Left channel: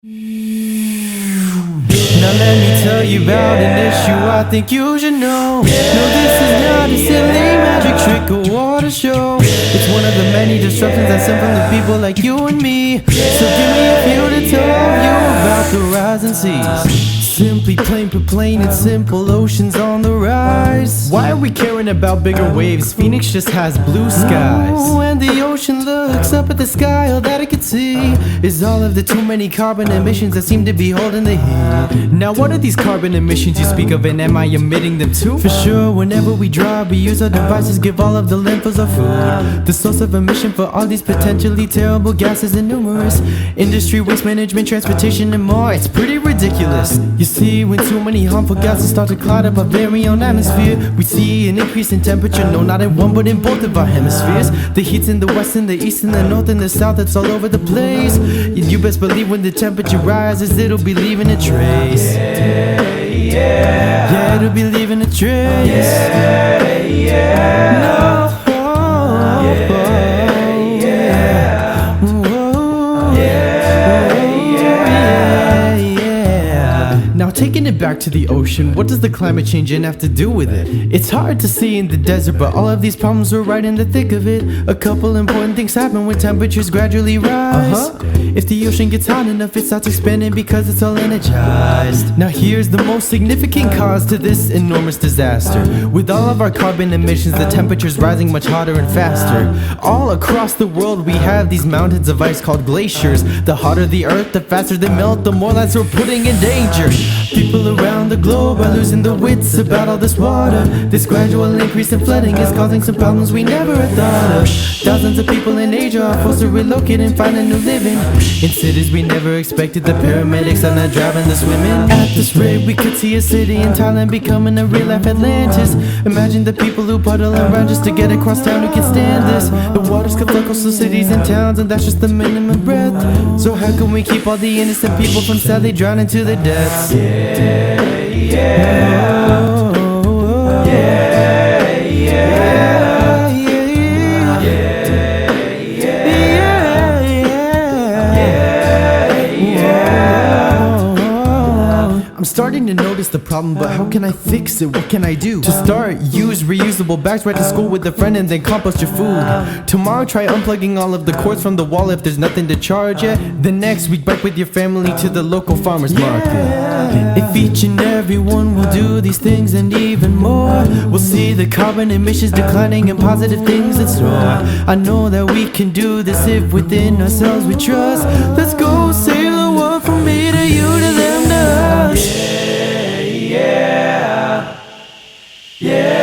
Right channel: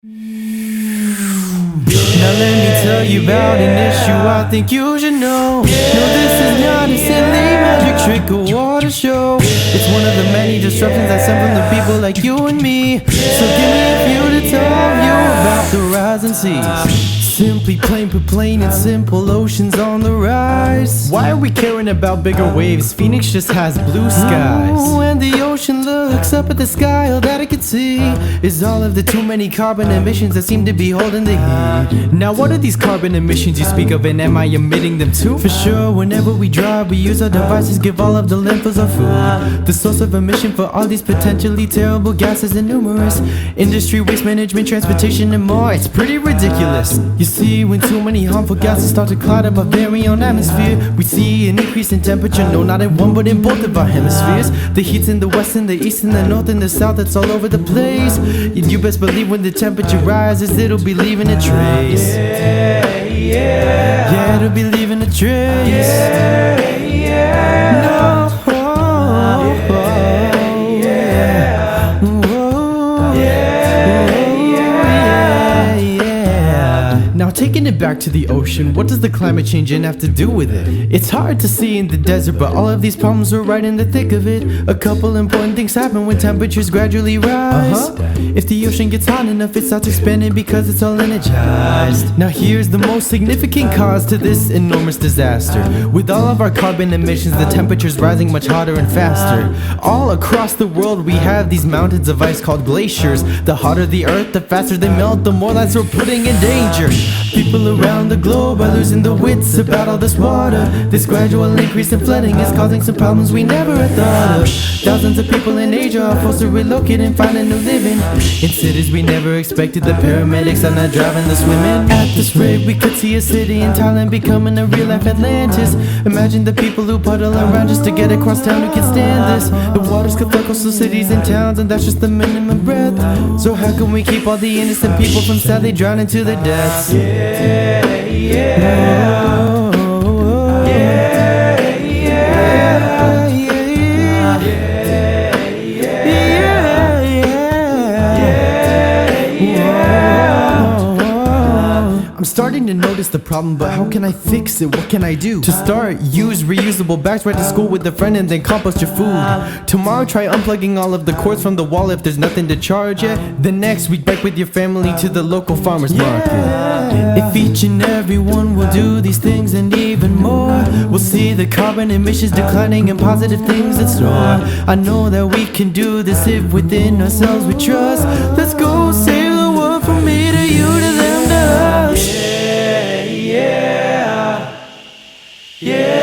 Now let me tell you about an issue I think you should know. No, this is not a silly magic trick or water show. It's one of the many disruptions that stem from the people like you and me. So give me a few to tell you about the rising seas. Simply plain and simple, oceans on the rise. Why are we caring about bigger waves? Phoenix just has blue skies. When the ocean looks up at the sky, all that it can see is all of the too many carbon emissions that seem to be holding the heat. Now what are these carbon emissions you speak of, and am I emitting them too? For sure, whenever we drive, we use our devices, give all of the landfills our food. The source of emission for all these potentially terrible gases are numerous. Industry, waste management, transportation, and more. It's pretty ridiculous. You see, when too many harmful gases start to cloud up our very own atmosphere, we see an increase in temperature, no, not in one, but in both of our hemispheres. The heat's in the west and the east and the north and the south, it's all over the place. And you best believe when the temperature rises, it'll be leaving a trace. Yeah, it'll be leaving a trace. No. Now taking it back to the ocean, what does the climate change have to do with it? It's hard to see in the desert, but all of these problems are right in the thick of it. A couple important things happen when temperatures gradually rise. If the ocean gets hot enough, it starts expanding because it's all energized. Now here's the most significant cause to this enormous disaster. With all of our carbon emissions, the temperature's rising much hotter and faster. All across the world we have these mountains of ice called glaciers. The hotter the earth, the faster they melt, the more lives we're putting in danger. People around the globe are losing their wits about all this water. This gradual increase in flooding is causing some problems we never had thought of. Thousands of people in Asia are forced to relocate and find a new living in cities we never expected. The paramedics are not driving, they're swimming. At this rate, we could see a city in Thailand becoming a real-life Atlantis. Imagine the people who puddle around just to get across town who can stand this. The waters could flood coastal cities and towns, and that's just the minimum breadth. So how can we keep all the innocent people from sadly drowning to their deaths? I'm starting to notice the problem, but how can I fix it? What can I do? To start, use reusable bags, ride to school with a friend, and then compost your food. Tomorrow, try unplugging all of the cords from the wall if there's nothing to charge yet. Then next week, bike with your family to the local farmer's market. If each and every one will do these things and even more, we'll see the carbon emissions declining and positive things in store. I know that we can do this if within ourselves we trust. Let's go save the world from me to you to them to us. Yeah.